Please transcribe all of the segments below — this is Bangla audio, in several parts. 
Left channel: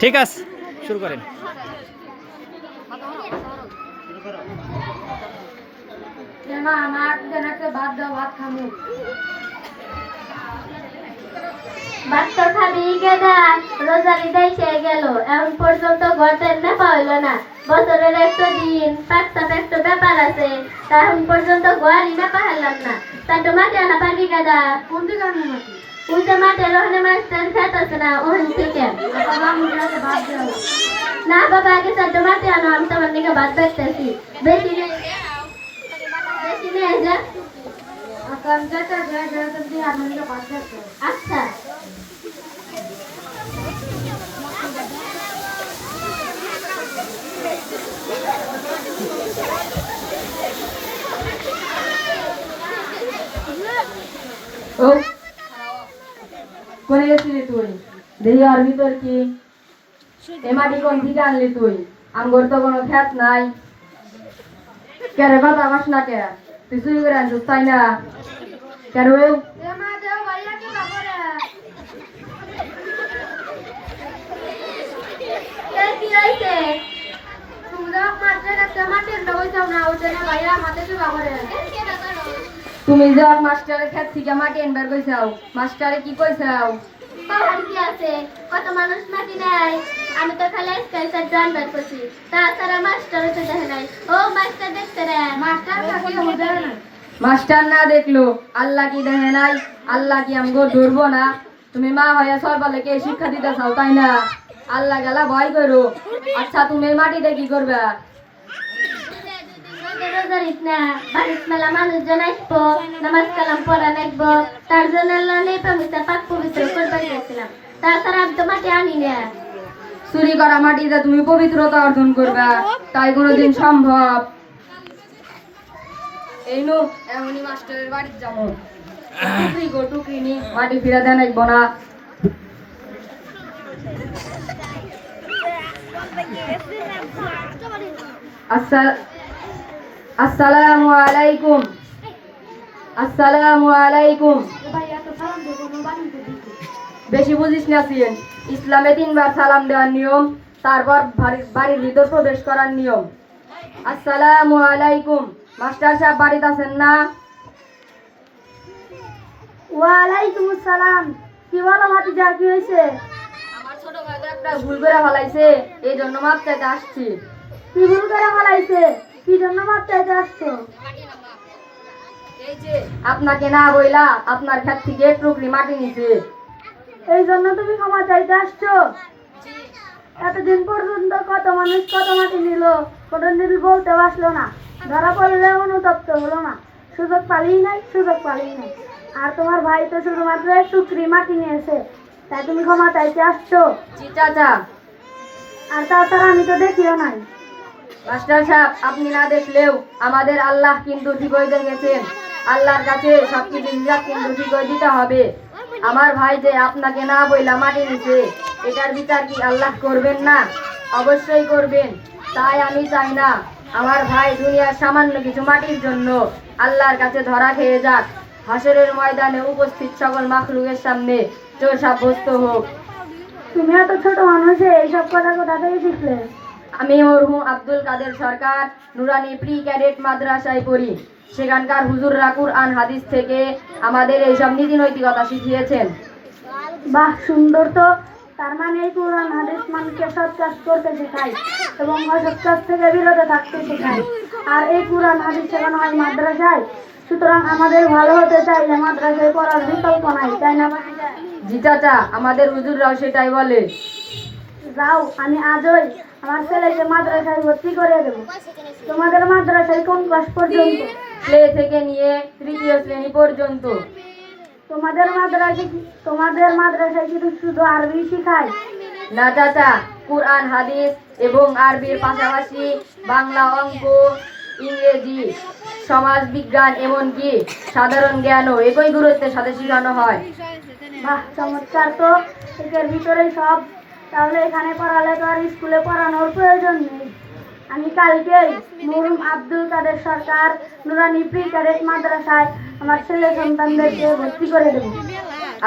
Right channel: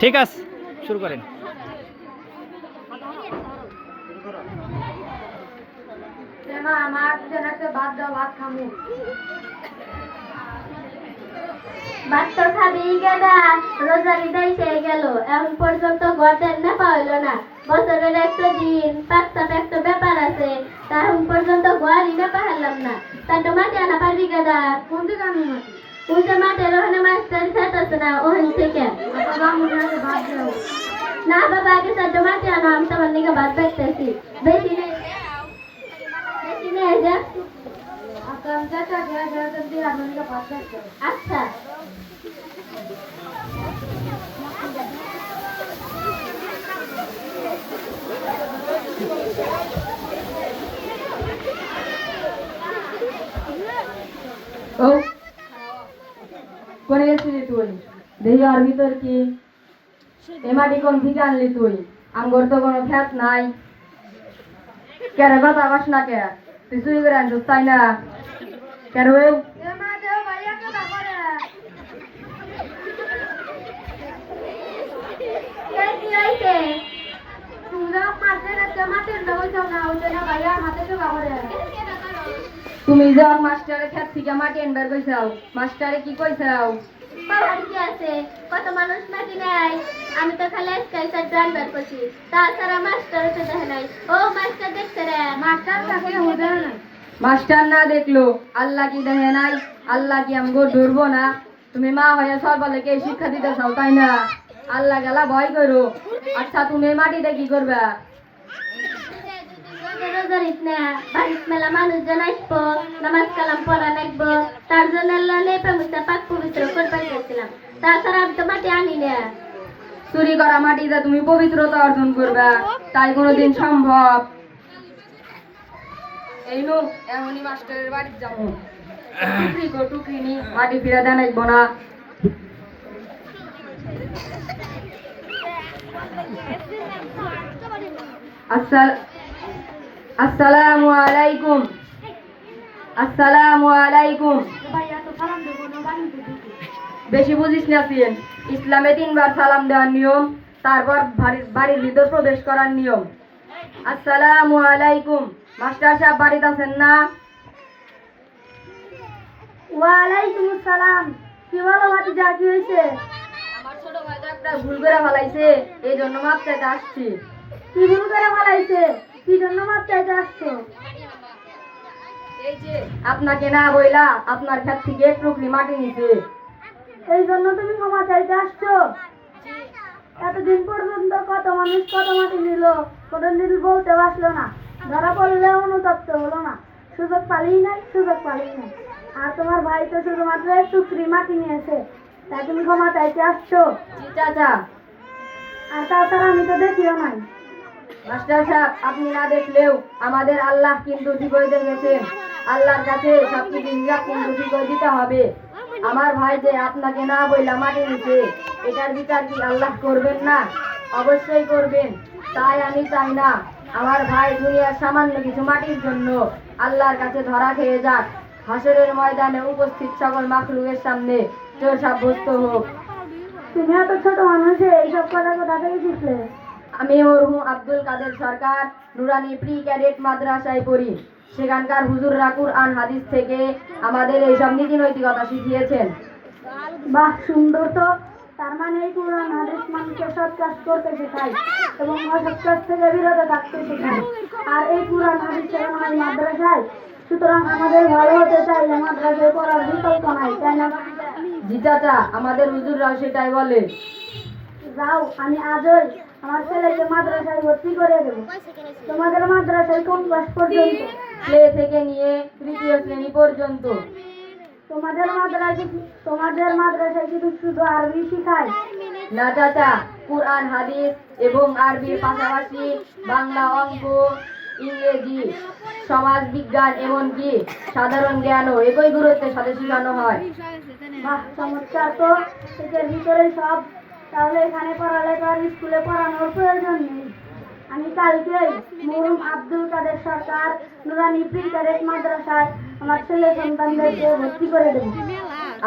ঠিক আছে, শুরু করেন। ভাত তো খাবি গেদা, রোজার ঈদ এসে গেল, এখন পর্যন্ত ঘটের নেপা হইল না। বছরের একটা দিন পাঁচটা একটা ব্যাপার আছে, তা এখন পর্যন্ত ঘরই নেপা হারলাম না। তা তো মাঠে আনা পারবি গেদা? কোন দিকে আনি মাটি? ওইটা মাঠের ওখানে মাস্টার খেত আছে না, ওখান থেকে। না বাবা, আগে তার মাঠে আনো, আমি তোমার দিকে ভাত দেখতেছি। বেশি নেই, বেশি নেই যা। আচ্ছা। করে গেছিলি তুই? দেখি আর ভিতর কি এ মাটি কোন থেকে আনলি তুই? আমগর তো কোনো খ্যাত নাই। কেরে বাবা বাস না কে তুই চুরি করে আনছিস তাই না? কেন তুমি যে মাস্টারের খ্যাত থেকে মাটি আনবার কইছাও, মাস্টারে কি কইছাও? কত মানুষ মাটি নাই, আমি তো খালি আজকাল জানবার করছি, তাছাড়া মাস্টার তো দেখে নাই। ও মাস্টার দেখতে রে, মাস্টার মাস্টার না দেখলো আল্লাহ কি দেখে নাই? আল্লাহ কি আমগো ধরবো না? তুমি মা হয়ে সর্বলেকে শিক্ষা দিতে চাও তাই না? আল্লাহ গেলা ভয় করো। আচ্ছা তুমি মাটিতে কি করবে? মেলা মানুষজন আসবো, নামাজ কালাম পড়া লাগবো, তার জন্য আল্লাহ পাক পবিত্র করতে চাইছিলাম। তাছাড়া আমি তো মাটি আনি না। চুরি করা মাটিতে তুমি পবিত্রতা অর্জন করবে, তাই কোনোদিন সম্ভব? এই নু এমনই মাস্টারের বাড়িতে যাবো, টুকরি গো টুকরি নি মাটি ফিরে দেন আসবো না। আসসালামু আলাইকুম। আসসালামু আলাইকুম। বেশি বুঝিস না সিয়েন, ইসলামে 3 বার সালাম দেওয়ার নিয়ম, তারপর বাড়ির ভিতর প্রবেশ করার নিয়ম। আসসালামু আলাইকুম। মাস্টার সাহেব বাড়িতে আছেন না? ওয়ালাইকুম আসসালাম। কি বলো ভাতিজা, কি হয়েছে? আমার ছোট ভাই তো একটা ভুল করে ফেলাইছে, এই জন্য মাপ চাইতে আসছি। কি ভুল করে ফেলাইছে? কি জন্য মাপ চাইতে আসছো? এই যে আপনাকে না বইলা আপনার ক্ষেত থেকে টুকরি মাটি নিছে, এই জন্য তুমি ক্ষমা চাইতে আসছো? এতদিন পর্যন্ত কত মানুষ কত মাটি নিল, কত নীল বলতে আসলো না, ধরা পড়লে অনুতপ্ত হলো না, সুযোগ পালিই নাই, সুযোগ পালিই নাই। আর তোমার ভাই তো শুধুমাত্র টুকরি মাটি নিয়েছে, তাই তুমি ক্ষমা চাইতে আসছো? জি চাচা। আর তাছাড়া আমি তো দেখিও নাই। মাস্টার সাহেব আপনি না দেখলেও আমাদের আল্লাহ কিন্তু ঠিকই দেখেছেন। আল্লাহর কাছে সবকিছু হিসাব কিন্তু ঠিকই দিতে হবে। আমার ভাই যে আপনাকে না বইলা মাটি নিছে, এটার বিচার কি আল্লাহ করবেন না? অবশ্যই করবেন। তাই আমি চাই না আমার ভাই দুনিয়ার সামান্য কিছু মাটির জন্য আল্লাহর কাছে ধরা খেয়ে যাক, হাসরের ময়দানে উপস্থিত সকল মাখলুকের সামনে চোর সাব্যস্ত হোক। তুমি এত ছোট মানুষে এইসব কথা কোথা থেকে শিখলে? আমি মরহুম আব্দুল কাদের সরকার নুরানি প্রি ক্যাডেট মাদ্রাসায় পড়ি, সেখানকার হুজুররা কুরআন হাদিস থেকে আমাদের এইসব নীতি নৈতিকতা শিখিয়েছেন। বাহ, সুন্দর তো। তার মানে এই কুরআন হাদিস মানুষকে সৎ কাজ করতে শেখায় এবং অসৎ কাজ থেকে বিরত থাকতে শেখায়। আর এই কুরআন হাদিস শেখানো হয় মাদ্রাসায়, সুতরাং আমাদের ভালো হতে চাইলে মাদ্রাসায় পড়ার বিকল্প নাই, তাই না? জি চাচা, আমাদের হুজুররাও সেটাই বলে। যাও, আমি আজই আমার ছেলেকে মাদ্রাসায় ভর্তি করে দেব। তোমাদের মাদ্রাসায় কোন ক্লাস পর্যন্ত? প্লে থেকে নিয়ে 3য় শ্রেণী পর্যন্ত। তোমাদের মাদ্রাসায় কি শুধু আরবি শিখায়? না চাচা, কুরআন হাদিস এবং আরবির পাশাপাশি বাংলা, অঙ্ক, ইংরেজি, সমাজ বিজ্ঞান এমনকি সাধারণ জ্ঞানও একই গুরুত্বের সাথে শেখানো হয়। বাহ, চমৎকার তো। এর ভিতরেই সব। তাহলে এখানে পড়ালে তো আর স্কুলে পড়ানোর প্রয়োজন নেই। আমি কালকেই মরহুম আব্দুল কাদের সরকার নুরানি প্রি ক্যাডেট মাদ্রাসায় আমার ছেলে সন্তানদেরকে ভর্তি করে দেব।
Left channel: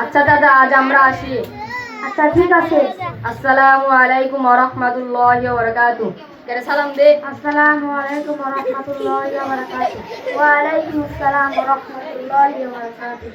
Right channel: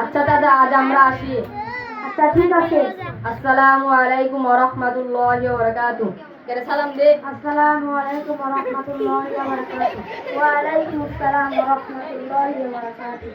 আচ্ছা দাদা, আজ আমরা আসি। আচ্ছা ঠিক আছে। আসসালামু আলাইকুম ওয়া রাহমাতুল্লাহি ওয়া বারাকাতুহু। কেরে সালাম দে। আসসালামু আলাইকুম ওয়া রাহমাতুল্লাহি ওয়া বারাকাতুহু। ওয়া আলাইকুম আসসালাম ওয়া রাহমাতুল্লাহি ওয়া বারাকাতুহু।